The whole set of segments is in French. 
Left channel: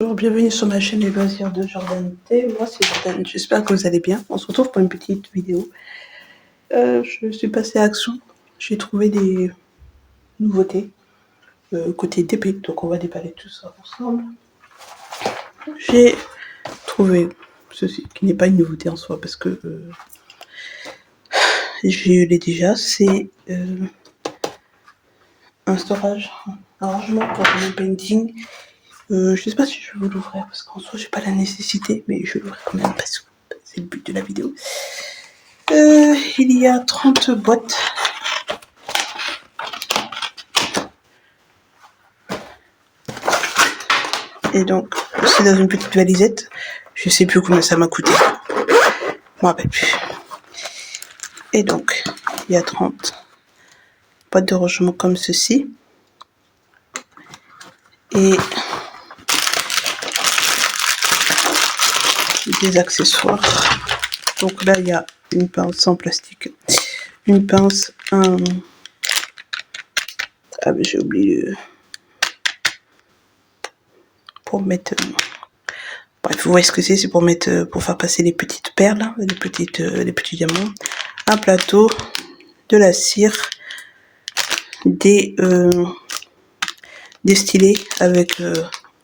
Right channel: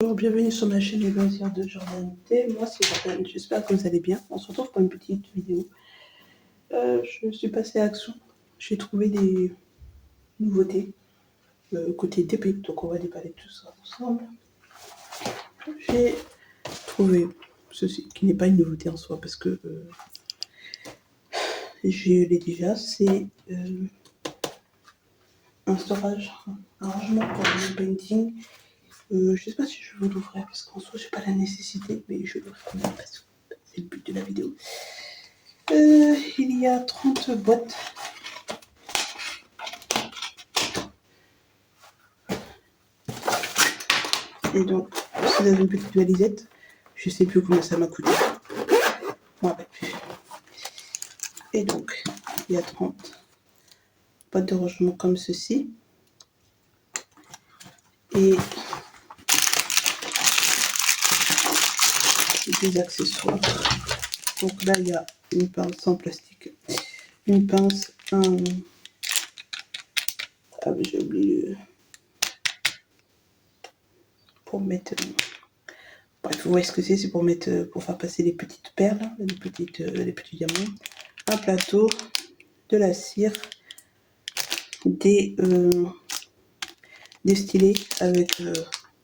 Bonjour, bienvenue sur ma chaîne Les Loisirs de Jordan T. Moi c'est Jordan, j'espère que vous allez bien. On se retrouve pour une petite vidéo. Je suis passée à Action, j'ai trouvé des nouveautés côté DP, donc on va déballer tout ça ensemble. J'ai trouvé ceci, qui n'est pas une nouveauté en soi parce que je l'ai déjà, c'est un storage, un rangement pour mon painting. Je sais pas si je vais l'ouvrir parce qu'en soi j'ai pas la nécessité, mais je l'ouvre quand même parce que c'est le but de la vidéo. Il y a 30 boîtes. Et donc c'est dans une petite valisette. Je sais plus combien ça m'a coûté. Je me rappelle plus. Et donc il y a 30 boîtes de rangement comme ceci. Et des accessoires. Donc là il y a une pince en plastique, une pince, ah mais j'ai oublié pour mettre, bref vous voyez ce que c'est pour mettre, pour faire passer les petites perles, les petits diamants, un plateau, de la cire, des stylés avec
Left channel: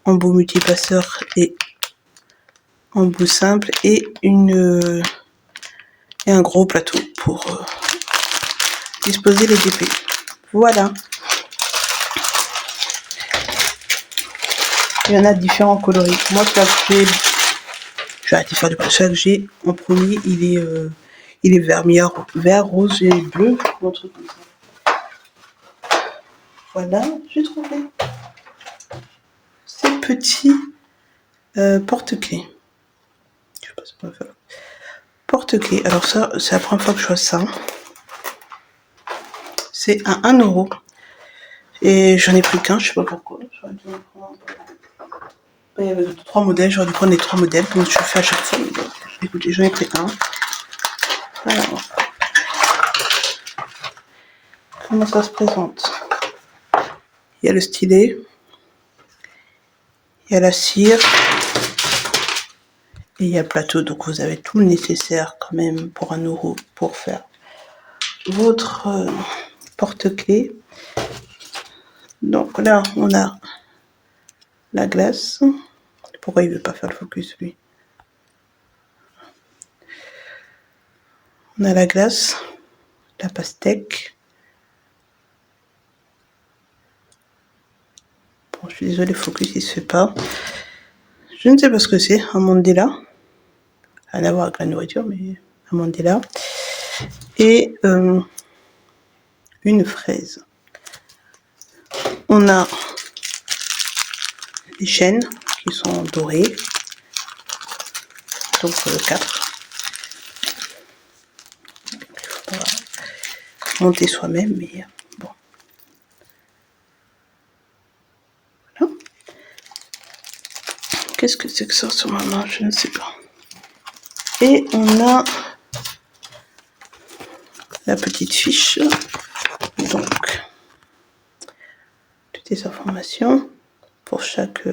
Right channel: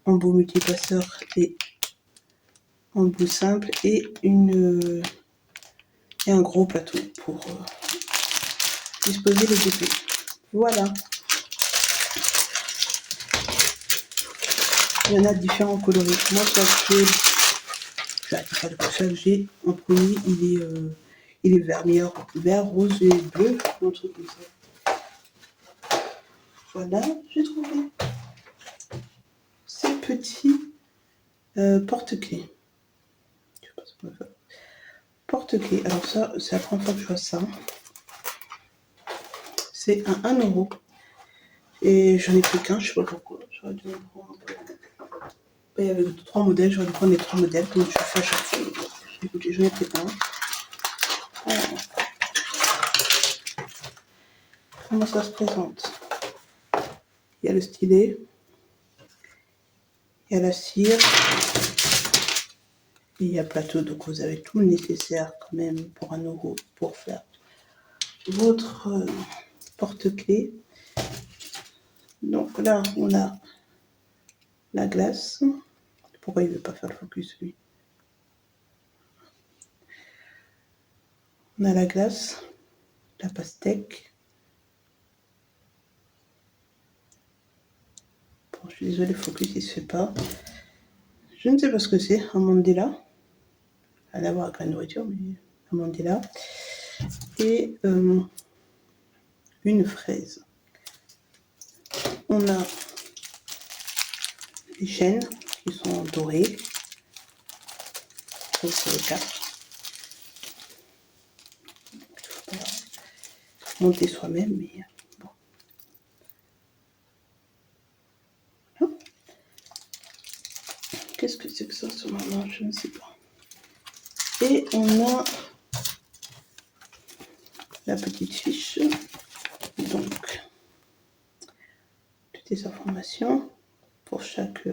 embout multipasseur et embout simple, et un gros plateau pour disposer les DP. Voilà. Il y en a différents coloris. Moi, celui que j'ai arrêté de faire du celui que j'ai en premier, il est vert, rose et bleu, un truc comme ça. Voilà, j'ai trouvé ces petits porte-clés. Je sais pas ce qu'on va faire. Porte-clés. Alors ça, c'est la première fois que je vois ça. C'est à 1 €. Et j'en ai pris qu'un, je sais pas pourquoi. J'aurais dû en prendre. Il y avait 3 modèles, j'aurais dû prendre les 3 modèles, comme je fais à chaque fois. Mais bon, écoutez, j'en ai pris un. Voilà. Comment ça se présente? Il y a le stylet. Il y a la cire. Et il y a le plateau. Donc vous avez tout le nécessaire quand même pour 1 € pour faire votre porte-clés. Donc là, on a la glace. Pourquoi il veut pas faire le focus, lui? On a la glace, la pastèque. Bon, je suis désolée, le focus il se fait pas. Je ne sais pas ce que c'est, un mandala. Rien à voir avec la nourriture, mais un mandala. Et une fraise. On a des chaînes qui sont dorées. Donc 4. Il faut monter soi-même, mais bon. Voilà. Qu'est-ce que c'est que ça sur ma main? Je ne sais pas. Et on a la petite fiche. Donc, toutes les informations pour chaque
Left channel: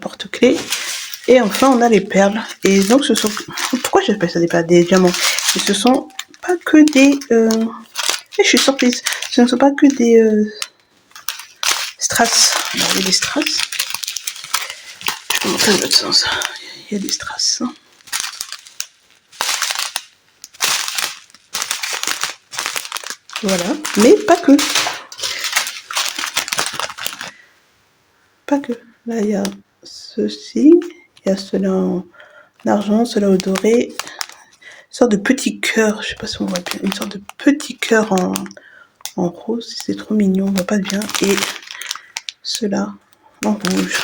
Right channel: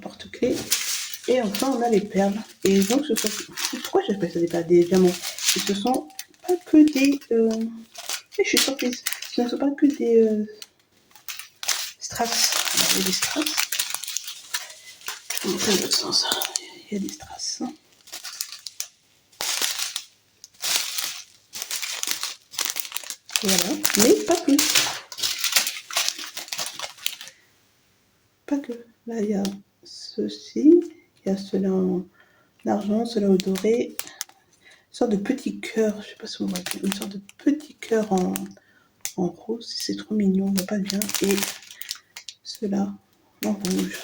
porte-clés. Et enfin, on a les perles. Et donc, ce sont... Pourquoi j'appelle ça des perles? Des diamants. Et ce sont pas que des... Et je suis surprise. Ce ne sont pas que des strass. Alors, il y a des strass. Je vais montrer dans l'autre sens. Il y a des strass. Voilà. Mais pas que. Pas que. Là, il y a ceci. Il y a cela en argent, cela au doré. Une sorte de petit cœur. Je sais pas si on voit bien. Une sorte de petit cœur en rose. C'est trop mignon. On voit pas bien. Et cela en rouge.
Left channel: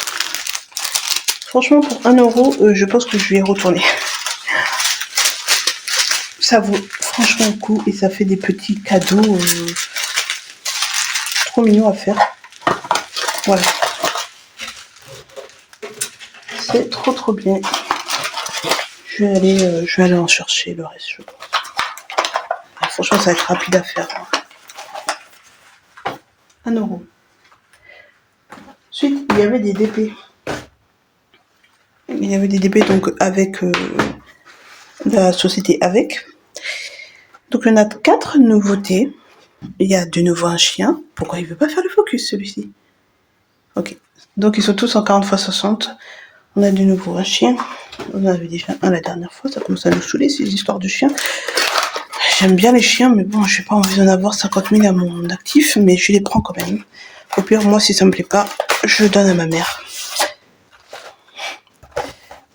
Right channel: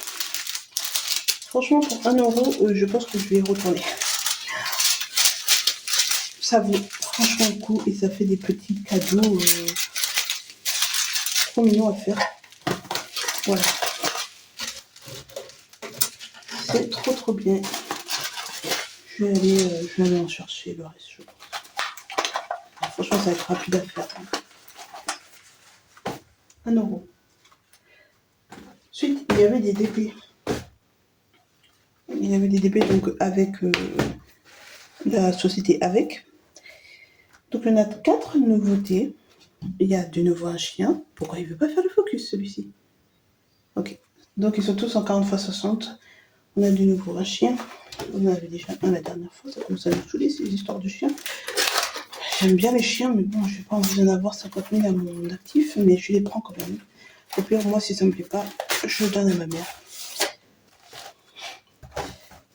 Franchement, pour 1 €, je pense que je vais y retourner. Ça vaut franchement le coup. Et ça fait des petits cadeaux trop mignons à faire. Voilà. C'est trop bien. Je vais aller en chercher le reste, je pense. Alors, franchement, ça va être rapide à faire. 1 €. Ensuite, il y avait des DP. Il y avait des DP donc avec la société avec. Donc on a 4 nouveautés. Il y a de nouveau un chien. Pourquoi il veut pas faire le focus celui-ci? Ok. Donc ils sont tous en 40 x 60. On a de nouveau un chien. On en avait déjà un la dernière fois. Ça commence à nous saouler ces histoires de chiens. J'aime bien les chiens, mais bon, j'ai pas envie d'en avoir 50 000 à mon actif, mais je les prends quand même. Au pire, moi, si ça me plaît pas, je donne à ma mère.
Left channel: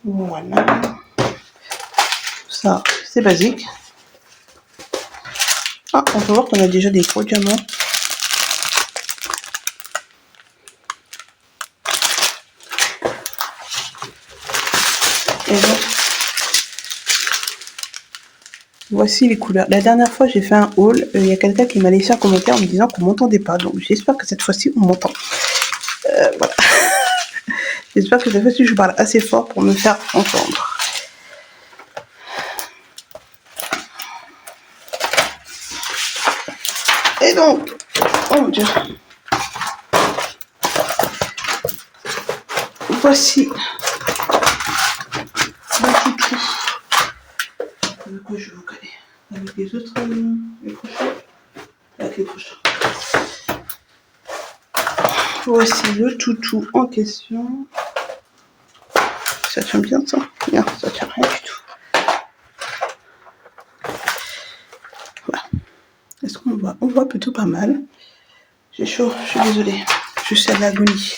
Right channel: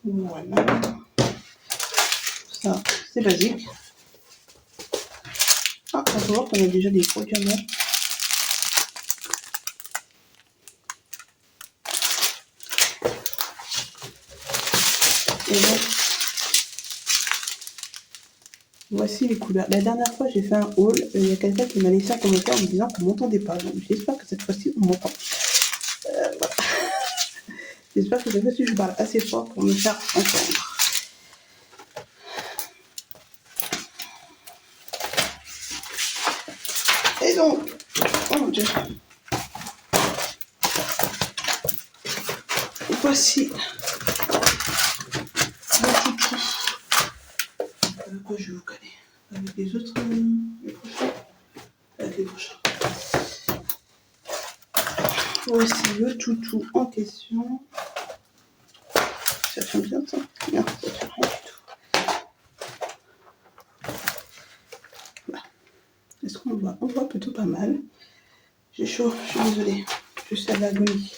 Voilà. Ça, c'est basique. Ah, on peut voir qu'on a déjà des gros diamants. Et donc, voici les couleurs. La dernière fois, j'ai fait un haul. Il y a quelqu'un qui m'a laissé un commentaire en me disant qu'on m'entendait pas. Donc, j'espère que cette fois-ci, on m'entend. Voilà. J'espère que cette fois-ci, je parle assez fort pour me faire entendre. Et donc, oh mon Dieu. Voici le toutou. Avec quoi je vais vous coller? Avec les autres, les prochains. Avec les prochains. Voici le toutou en question. Ça tient bien ça? Non, ça tient rien du tout. Voilà. Est-ce qu'on voit? On voit plutôt pas mal. J'ai chaud, je suis désolée. Je suis à l'agonie.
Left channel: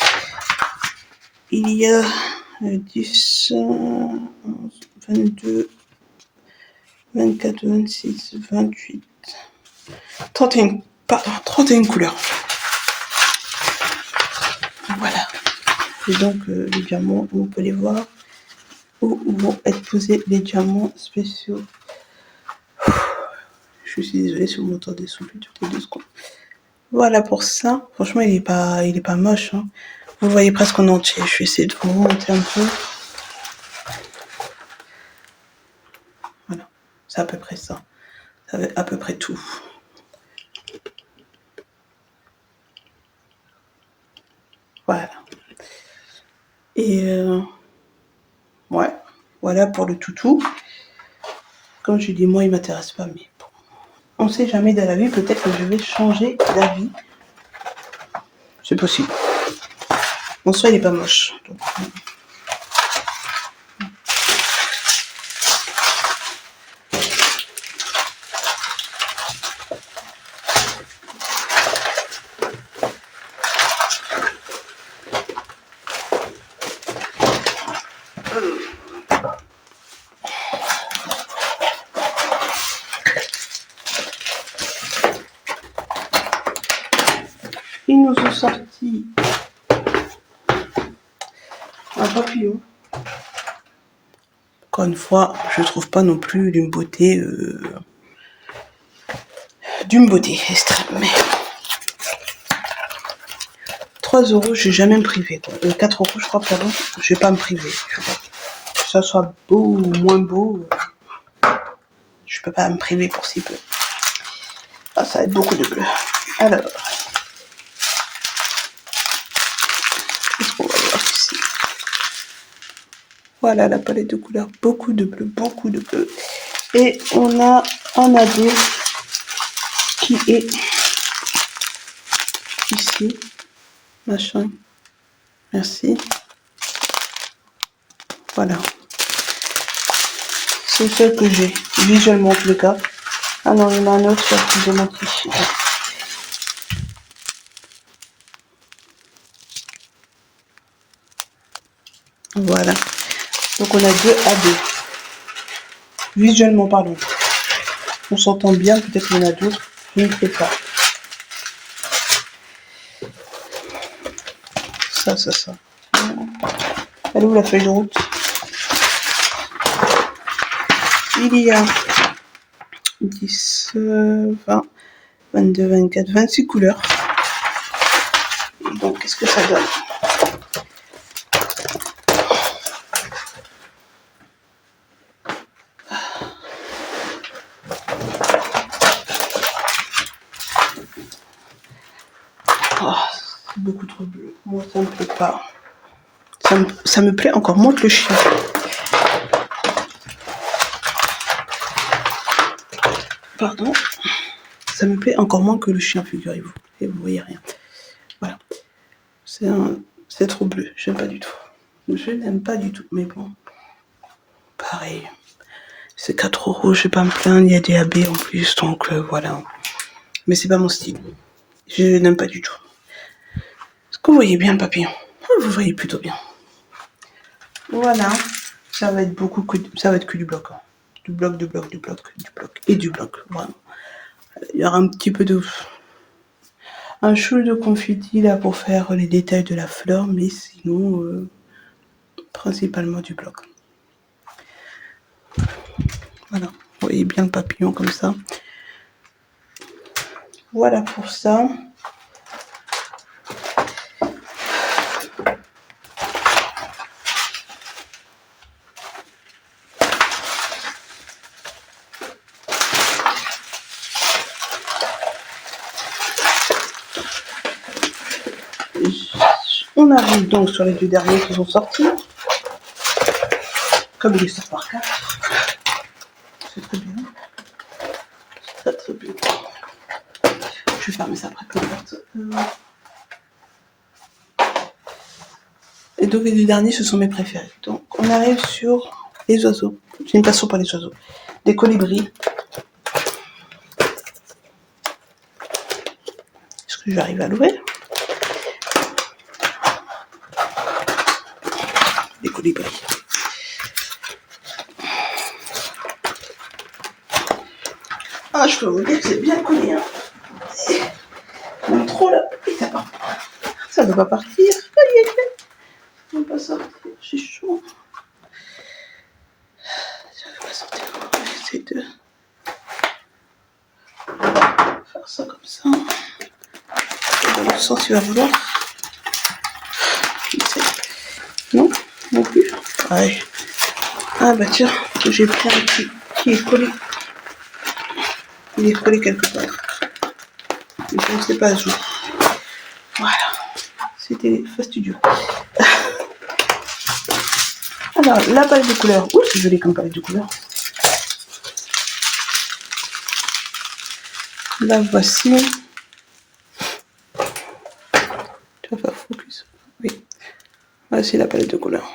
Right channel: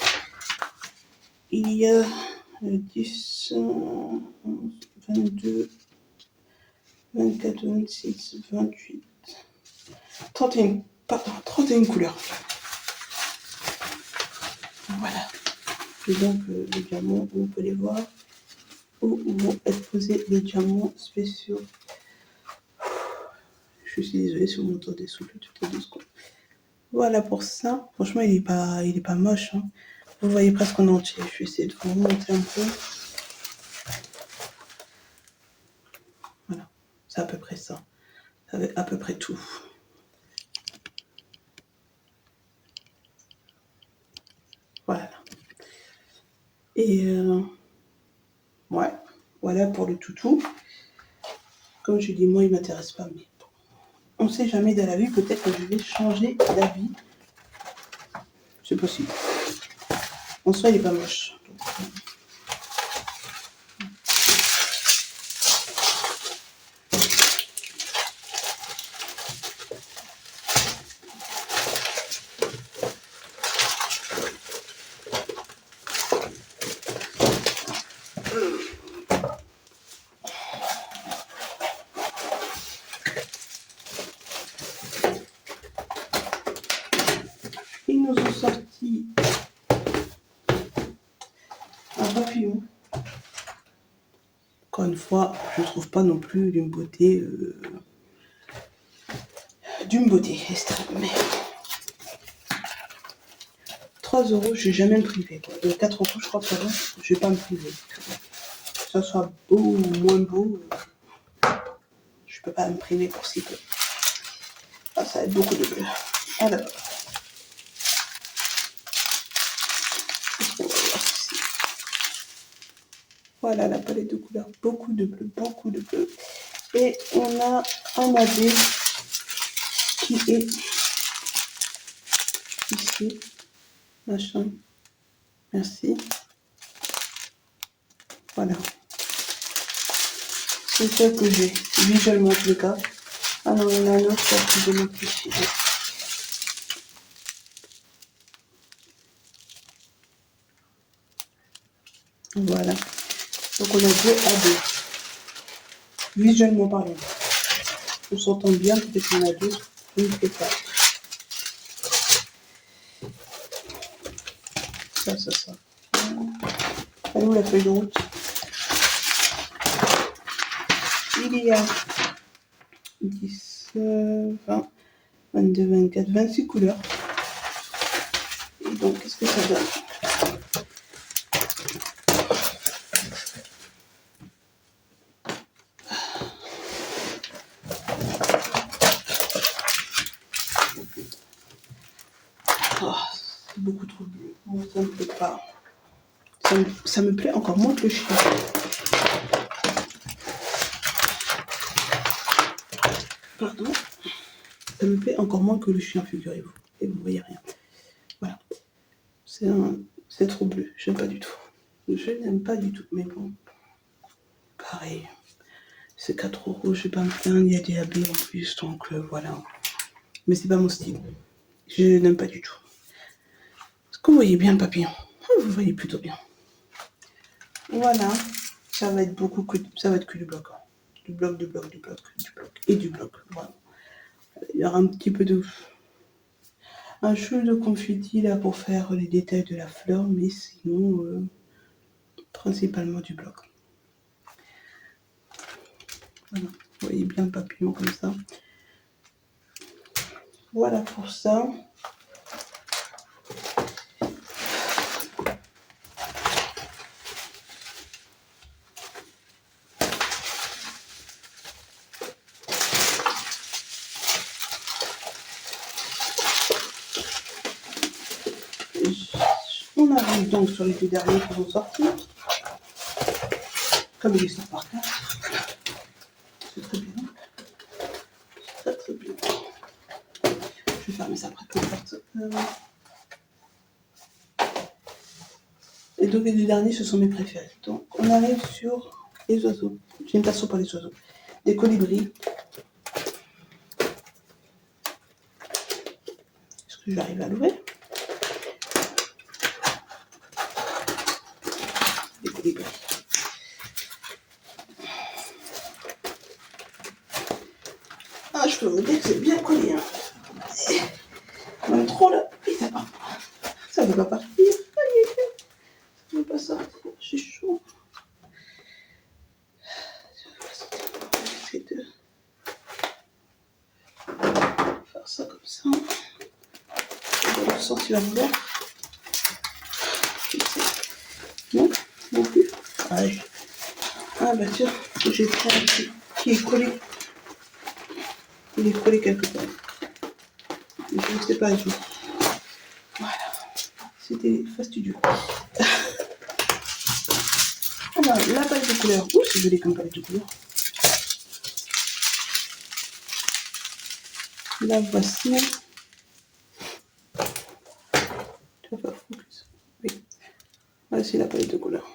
Il y a 10, 11, 22, 24, 26, 28, 31 couleurs. Voilà. Et donc, les diamants, on peut les voir. Où vont être posés les diamants spéciaux. Je suis désolée si vous m'entendez souffler toutes les 2 secondes. Voilà pour ça. Franchement, il est pas moche. Hein. Vous le voyez presque en entier. Je vais essayer de vous monter un peu. Voilà. C'est à peu près ça. Ça va à peu près tout. Voilà. Et ouais. Voilà pour le toutou. Comme je dis, moi, il m'intéresse pas, mais bon. On sait jamais dans la vie. Peut-être que je vais changer d'avis. C'est possible. En soi, il est pas moche. Donc, ils nous ont sorti un papillon. Encore une fois, je trouve pas non plus d'une beauté extrême. Mais 3 €, je vais jamais me priver. 4 € je crois, pardon. Je vais pas me priver. Que ça soit beau ou moins beau, je peux pas me priver pour si peu. Ah, ça va être beaucoup de bleu. Alors, qu'est-ce qu'on va voir ici? Voilà la palette de couleurs. Beaucoup de bleu, beaucoup de bleu. Et on a un AD qui est ici. Machin. Merci. Voilà. C'est celle que j'ai, visuellement en tout le cas. Ah non, il y en a un autre qui est démenti. Voilà. Donc on a 2 AD. Visuellement parlant. On s'entend bien, peut-être qu'il y en a d'autres. Je ne sais pas. Ça. Elle est où la feuille de route? Il y a 10, 20, 22, 24, 26 couleurs. Et donc, qu'est-ce que ça donne? Oh, C'est beaucoup trop bleu. Moi, ça me plaît pas. Ça me plaît encore moins que le chien. Pardon. Ça me plaît encore moins que le chien, figurez-vous. Et vous voyez rien. Voilà. C'est trop bleu. J'aime pas du tout. Je n'aime pas du tout. Mais bon. Pareil. C'est 4 €. Je vais pas me plaindre. Il y a des AB en plus. Donc voilà. Mais c'est pas mon style. Je n'aime pas du tout. Est-ce que vous voyez bien le papillon? Vous voyez plutôt bien. Voilà. Ça va être que du bloc. Hein. Du bloc, du bloc, du bloc, du bloc. Et du bloc. Vraiment. Il y aura un petit peu de... Un chou de confetti là pour faire les détails de la fleur. Mais sinon... principalement du bloc. Voilà. Vous voyez bien le papillon comme ça. Voilà pour ça. On arrive donc sur les 2 derniers qui sont sortis. Comme il est sort par 4. C'est très bien. C'est très bien. Je vais fermer ça après peu importe. Et donc les 2 derniers, ce sont mes préférés. Donc on arrive sur les oiseaux. J'ai une passion pour les oiseaux. Des colibris. Est-ce que j'arrive à l'ouvrir? Des colibris. Ah, je peux vous dire que c'est bien collé. Hein. Même trop là. Et ça ne veut pas partir. Ça ne veut pas sortir. C'est chaud. Ça ne veut pas sortir. On va essayer de faire ça comme ça. Dans l'autre sens, il va vouloir. Non, non plus. Ouais. Ah bah tiens, j'ai pris un qui est collé. Il est collé quelque part. Mais je ne sais pas où. Voilà. C'était fastidieux. Alors, la palette de couleurs. Ouh, c'est joli comme palette de couleurs. La voici. Tu vas faire focus. Oui. Voici la palette de couleurs.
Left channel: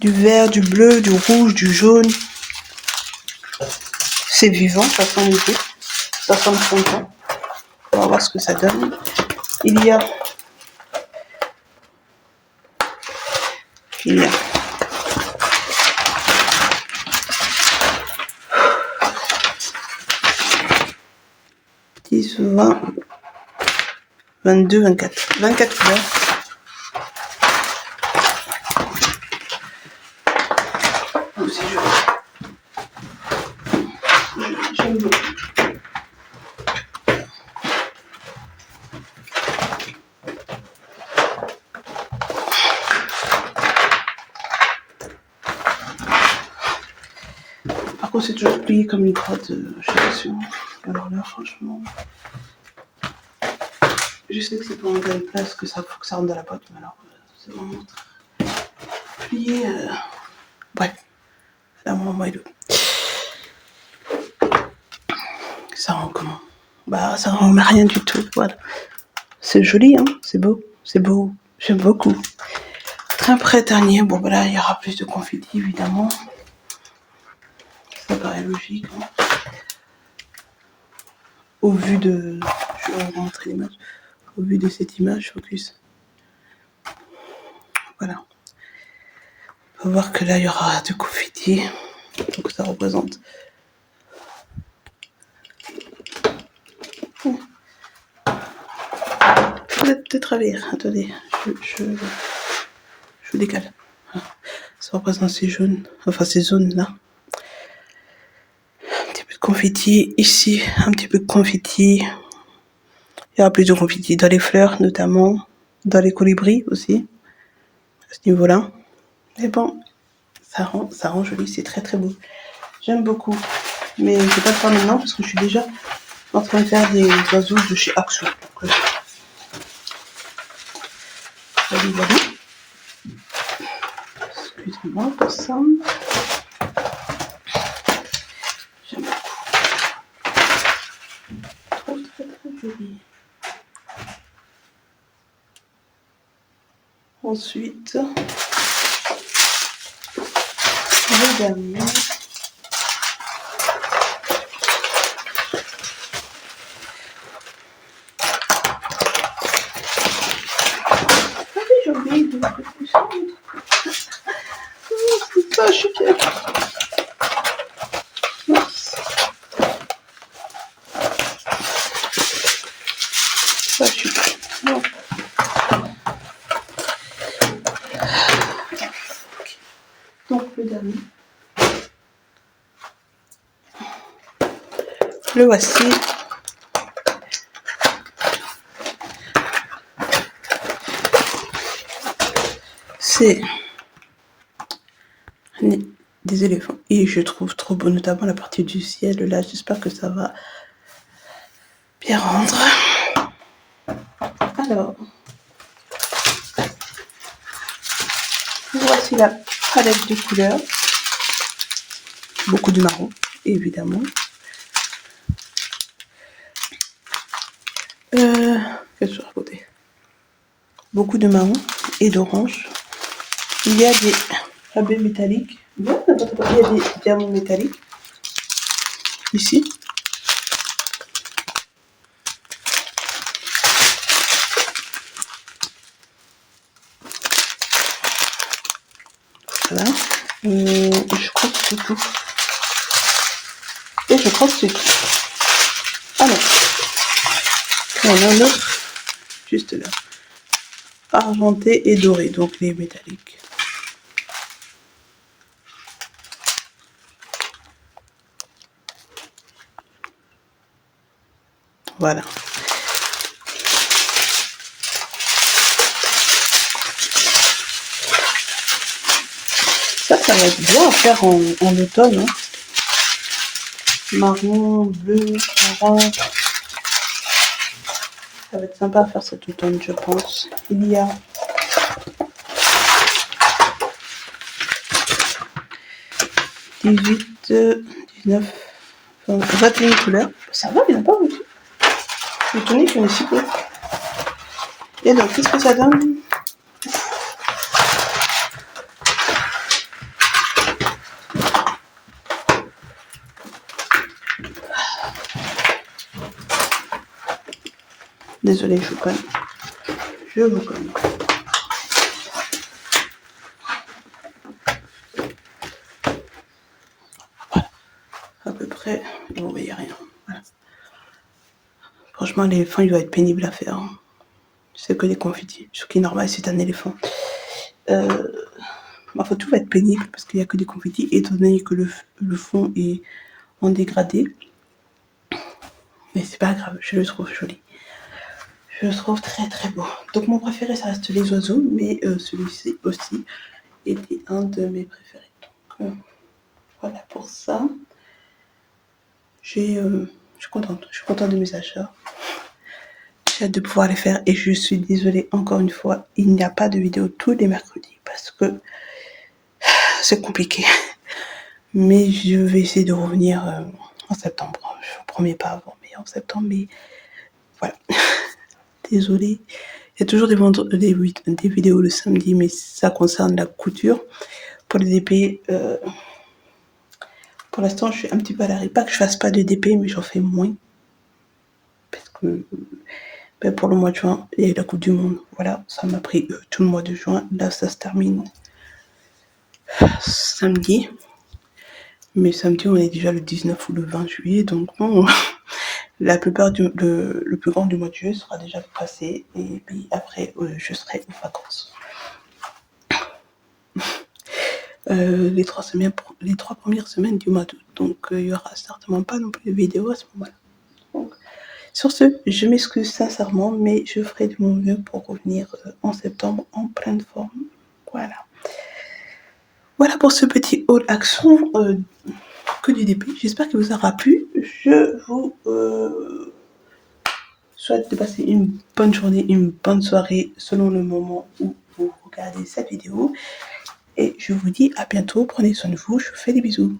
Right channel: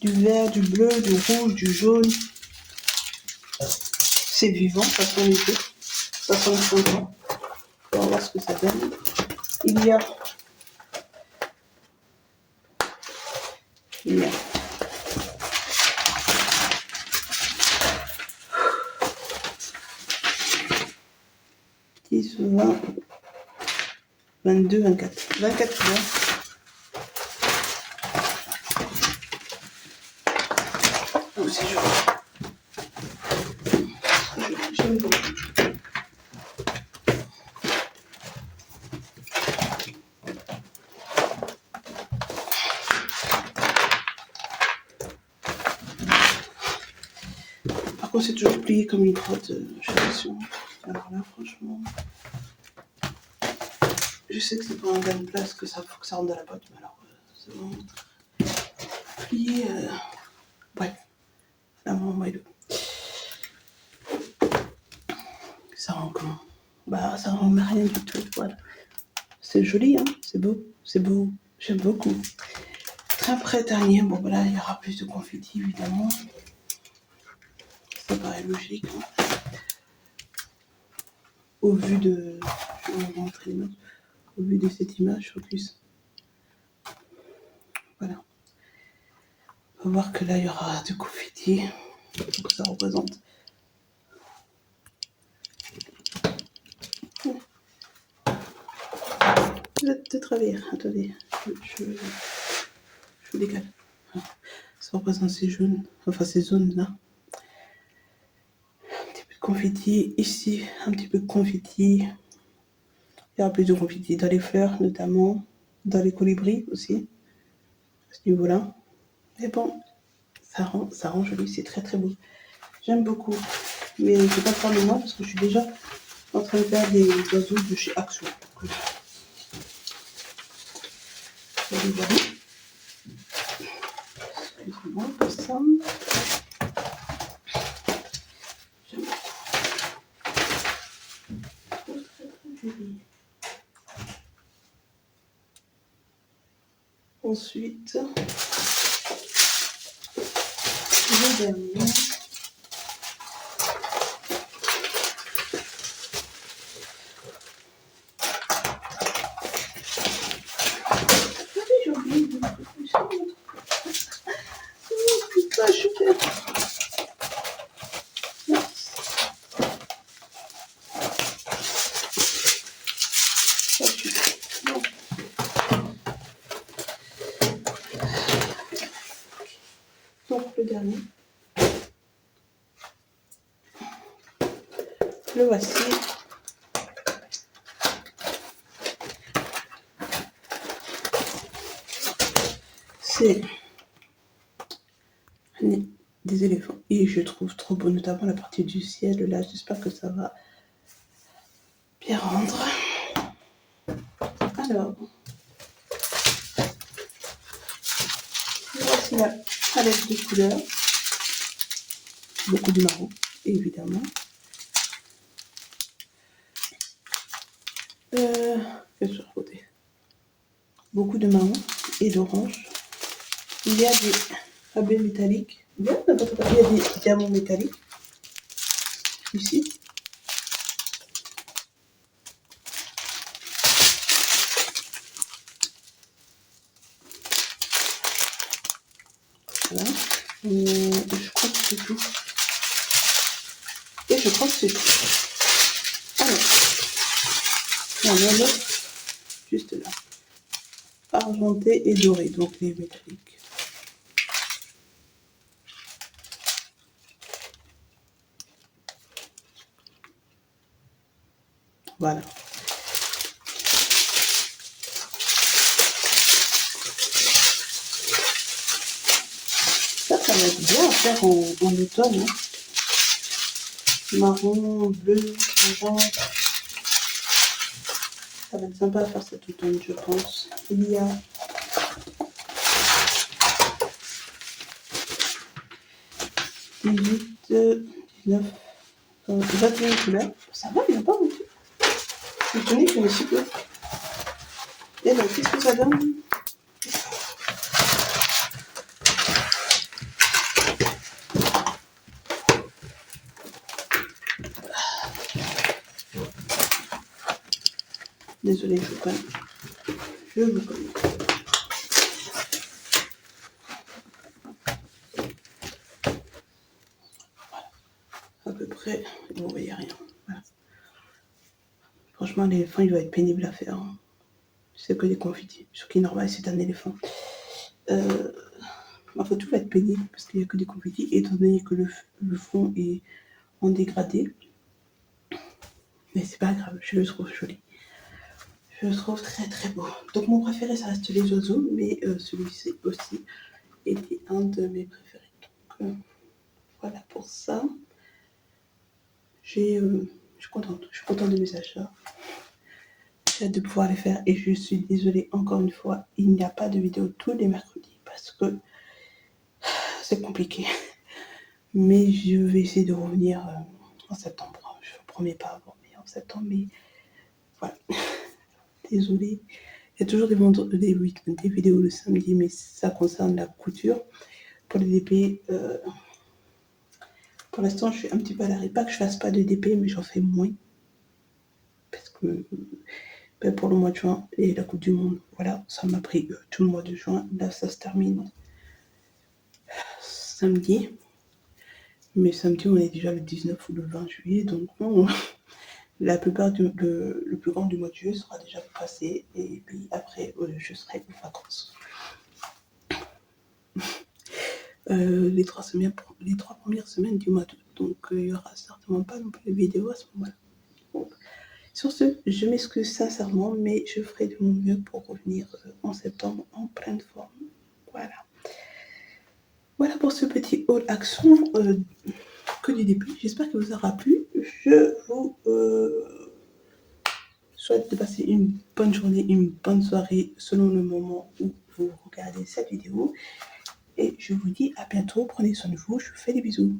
Du vert, du bleu, du rouge, du jaune. C'est vivant, ça sent l'été. Ça sent le printemps. On va voir ce que ça donne. Il y a 10, 20, 22, 24. 24 couleurs. Oh, c'est joli. J'aime beaucoup. Par contre, c'est toujours plié comme une crotte, je sais pas sûr. Alors là, franchement, je sais que c'est pour rentrer une place que ça faut que ça rentre dans la boîte, mais alors c'est vraiment plié. Bref, c'est un moment moelleux. Ça rend comment? Bah, ça rend rien du tout. Voilà. C'est joli, hein. C'est beau. C'est beau. J'aime beaucoup. Très printanier. Bon, voilà, il y aura plus de confetti, évidemment. Ça paraît logique. Hein. Au vu de... Je vais vous montrer l'image. Au vu de cette image, focus. Voilà. On va voir que là, il y aura de confetti. Donc, ça représente... de travers. Attendez, je vous décale. Ça représente ces jaunes, enfin ces zones-là. Un petit peu de confetti ici, un petit peu de confetti. Il y aura plus de confetti dans les fleurs, notamment dans les colibris aussi, à ce niveau-là. Mais bon, ça rend joli, c'est très très beau. J'aime beaucoup. Mais je ne vais pas le faire maintenant parce que je suis déjà en train de faire des oiseaux de chez Action. Voilà. Excusez-moi pour ça. J'aime beaucoup. Trop très très joli. Ensuite, le dernier. Ah oui, j'ai oublié de mettre le ça. C'est pas chuté. Pas chuté. Non. Donc le dernier. Le voici. C'est des éléphants et je trouve trop beau, notamment la partie du ciel là. J'espère que ça va bien rendre. Alors, voici la palette de couleurs. Beaucoup de marron, évidemment. Qu'est-ce que je racontais? Beaucoup de marron et d'orange. Il y a des rabais métalliques. Il y a des diamants métalliques. Ici. Voilà. Et je crois que c'est tout. Et je crois que c'est tout. Ah non. Il y en a un autre. Juste là. Argenté et doré, donc les métalliques. Voilà. Ça va être bien à faire en automne. Hein. Marron, bleu, orange. Ça va être sympa à faire cet automne, je pense. Il y a 18, 19, 21 couleurs. Ça va, il n'y en a pas beaucoup. Je suis étonnée qu'il y en ait si peu. Et donc, qu'est-ce que ça donne? Désolée, je vous cogne. Je vous cogne. Voilà. À peu près, vous voyez rien. Voilà. Franchement, l'éléphant, il doit être pénible à faire. Hein. C'est que des confitis. Ce qui est normal, c'est un éléphant. Enfin, tout va être pénible parce qu'il n'y a que des confitis, étant donné que le fond est en dégradé. Mais c'est pas grave, je le trouve joli. Je le trouve très très beau. Donc mon préféré, ça reste les oiseaux, mais celui-ci aussi était un de mes préférés. Donc voilà pour ça. Je suis contente de mes achats. J'ai hâte de pouvoir les faire et je suis désolée encore une fois, il n'y a pas de vidéo tous les mercredis parce que c'est compliqué. Mais je vais essayer de revenir en septembre. Je vous promets pas avant, mais en septembre. Mais voilà. Désolée. Il y a toujours des vidéos le samedi, mais ça concerne la couture. Pour les DP, pour l'instant, je suis un petit peu à l'arrêt. Pas que je fasse pas de DP, mais j'en fais moins. Parce que pour le mois de juin, il y a la Coupe du Monde. Voilà, ça m'a pris tout le mois de juin. Là, ça se termine samedi. Mais samedi, on est déjà le 19 ou le 20 juillet. Donc, bon, la plupart le plus grand du mois de juillet sera déjà passé. Et puis après, je serai en vacances. Les 3 premières semaines du mois d'août. Donc, il n'y aura certainement pas non plus de vidéo à ce moment-là. Donc, sur ce, je m'excuse sincèrement, mais je ferai de mon mieux pour revenir en septembre en pleine forme. Voilà. Voilà pour ce petit haul action que du DP. J'espère qu'il vous aura plu. Je vous souhaite de passer une bonne journée, une bonne soirée selon le moment où pour regarder cette vidéo. Et je vous dis à bientôt, prenez soin de vous, je vous fais des bisous.